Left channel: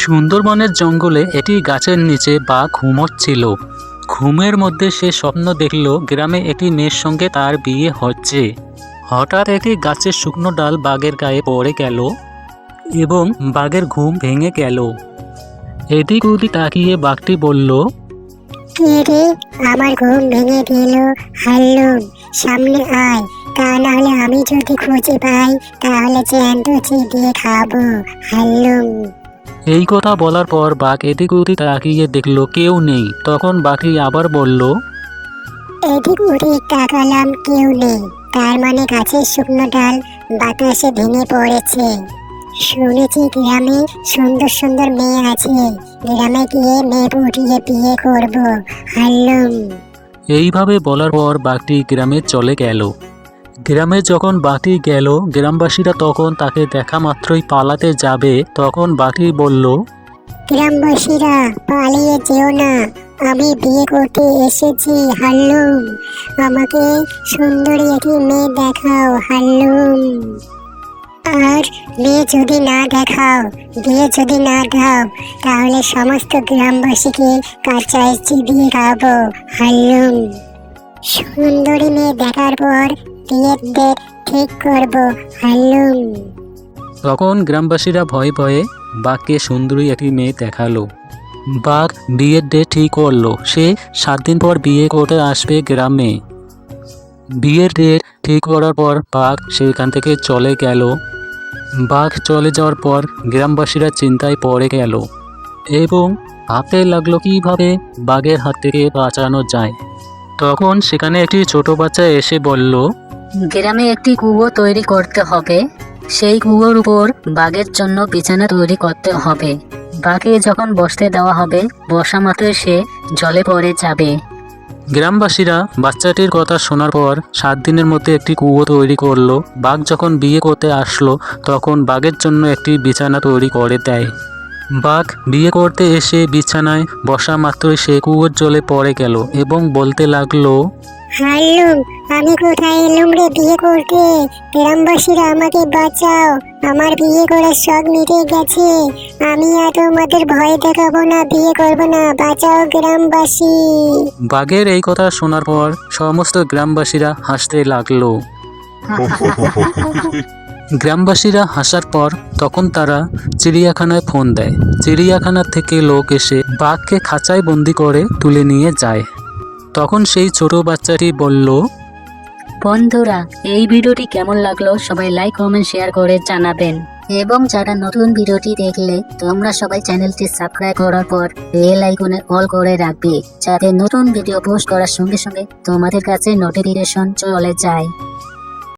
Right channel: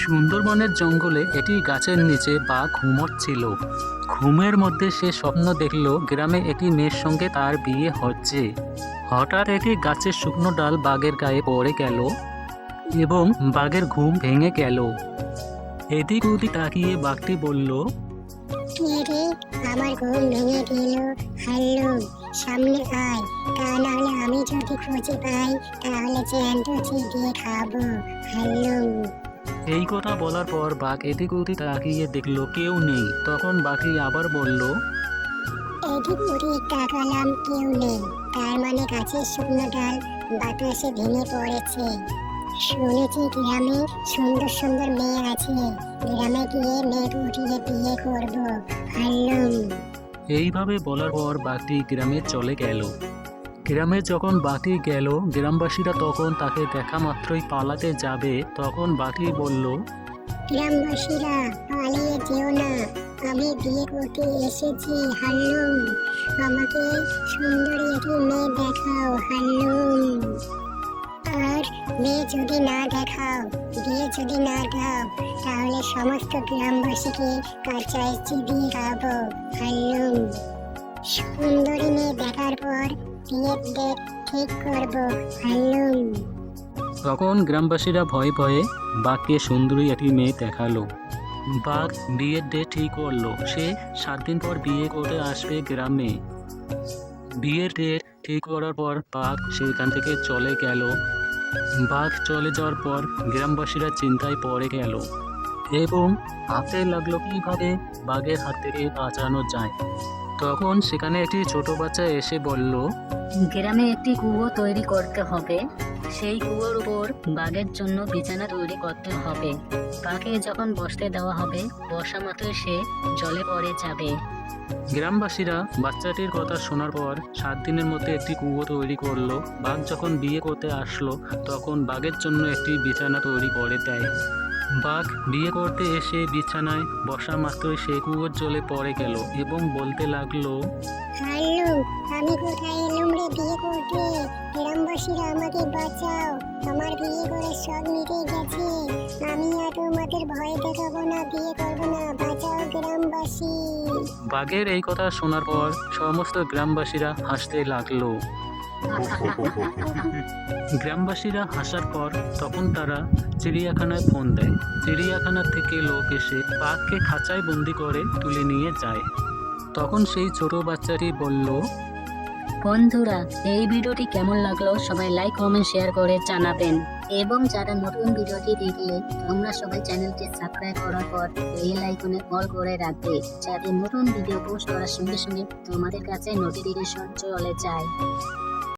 সুন্দরবনের জঙ্গলে একটি গাছের নিচে বাঘ ঘুমোচ্ছিল ঘুমের মধ্যে সে স্বপ্ন দেখল, গ্রামে একটি মেয়ের সঙ্গে তার বিয়ে হচ্ছে। হঠাৎ একটি গাছের শুকনো ডাল বাঘের গায়ে পড়ে গেল এবং বাঘের ঘুম ভেঙে গেল। এদিক ওদিক তাকিয়ে বাঘটি বলল আমার ঘুম ভেঙে সামনে আয়। তা আমি যদি খুঁজে পাই, তাহলে চিবিয়ে খাব। এই কথা বলার পর বাঘ এদিক ওদিক তাকিয়ে দেখল কেউ নেই। তখন বাঘটি আবার বলল এদিক ওদিক তাকালাম কেউ নেই। তার মানে গাছের শুকনো ডাল বাতাসে ভেঙে পড়েছে। শুনেছি গ্রামে সুন্দর সুন্দর মেয়ে আছে। গ্রামে গিয়ে মেয়ে উঠিয়ে বিয়ে করব। হাল্লুম এইভাবে বলার পর বাঘটি গ্রামে চলে গেল। গ্রামে যখন বাতি গেল, গ্রামবাসীরা তখন তাকে দেখা মাত্রই পালাতে যাবে। তখন বাতি বলল, গ্রামবাসীরা, পালিয়ে যেও না। আমি বিয়ে করতে এসেছি হাল্লুম আমাকে সুন্দরী একটি মেয়ে দেখাও হাল্লুম আর মেয়ে যদি না দেখাও, বিয়ে যদি না দাও, তাহলে সমস্ত গ্রামবাসীকে কাঁচায় চিবিয়ে খাব হাল্লুম সুন্দরী মেয়ে দেখার পর ঠিক করব, হাল্লুম। তখন গ্রামবাসীরা ভয়ে ভয়ে বাঘকে সুন্দরী একটি মেয়ে দেখাল। বাঘ বিয়ের ডেট ঠিক করল। সে সাত দিন পর বিয়ে করতে আসবে গ্রামে। বিয়ের ডেট ঠিক করার পর বাঘ সেখান থেকে চলে গেল। বাঘ চলে যাওয়ার পর গ্রামবাসীরা চিন্তায় পড়ে গেল। এবং হাতে লাগল কীভাবে বাঘের হাত থেকে বাঁচানো যায়। তখন সেখানে একটি ছোট বাচ্চা এসে বলল গ্রামে একটি কুয়ো তৈরি করতে হবে। সেই কুয়োর উপর বাঘের জন্য বিছানা তৈরি করতে হবে। বাঘে যখন বসতে দেওয়া হবে, বসা মাত্রই সে জলে পড়ে যাবে। গ্রামবাসীরা বাচ্চাটির কথা শোনার পর সাত দিনের মধ্যে একটি কুয়ো তৈরি করল। বাঘ যখন বিয়ে করতে আসলো, তখন বাঘের জন্য একটি বিছানা তৈরি করে দেয়। বাঘ বিয়ে করতে এসে বিছানায় বসা মাত্রই সে কুয়োর জলে পড়ে গেল এবং বলতে লাগল হাল্লুম আমি কোথায় এলুম রে বিয়ে করতে? গ্রামবাসীরা আমাকে বাঁচাও। আমার বিয়ে করার শখ মিটে গেছে। আমি আর তোমাদের ভয় দেখাবো না, বিয়ে করব না। বাঁচাও গ্রামবাসী। বাঘের এই কথা শোনার পর সমস্ত গ্রামবাসীরা হাসতে লাগল। গ্রামবাসীরা হাসার পর তখন তারা চিড়িয়াখানায় ফোন দেয়। চিড়িয়াখানা থেকে লোক এসে বাঘকে খাঁচায় বন্দি করে তুলে নিয়ে যায়। তখন সেই ছোট বাচ্চাটি বলল, বন্ধুরা, এই ভিডিওটি কেমন লাগল সবাই লাইক কমেন্ট শেয়ার করে জানাবেন। এবং যারা নতুন ভিডিওটি দেখলে তোমরা সবাই চ্যানেলটি সাবস্ক্রাইব করার পর বেল আইকনে কল করে রাখবে, যাতে নতুন ভিডিও পোস্ট করার সঙ্গে সঙ্গে তোমাদের কাছে নোটিফিকেশন চলে যায়।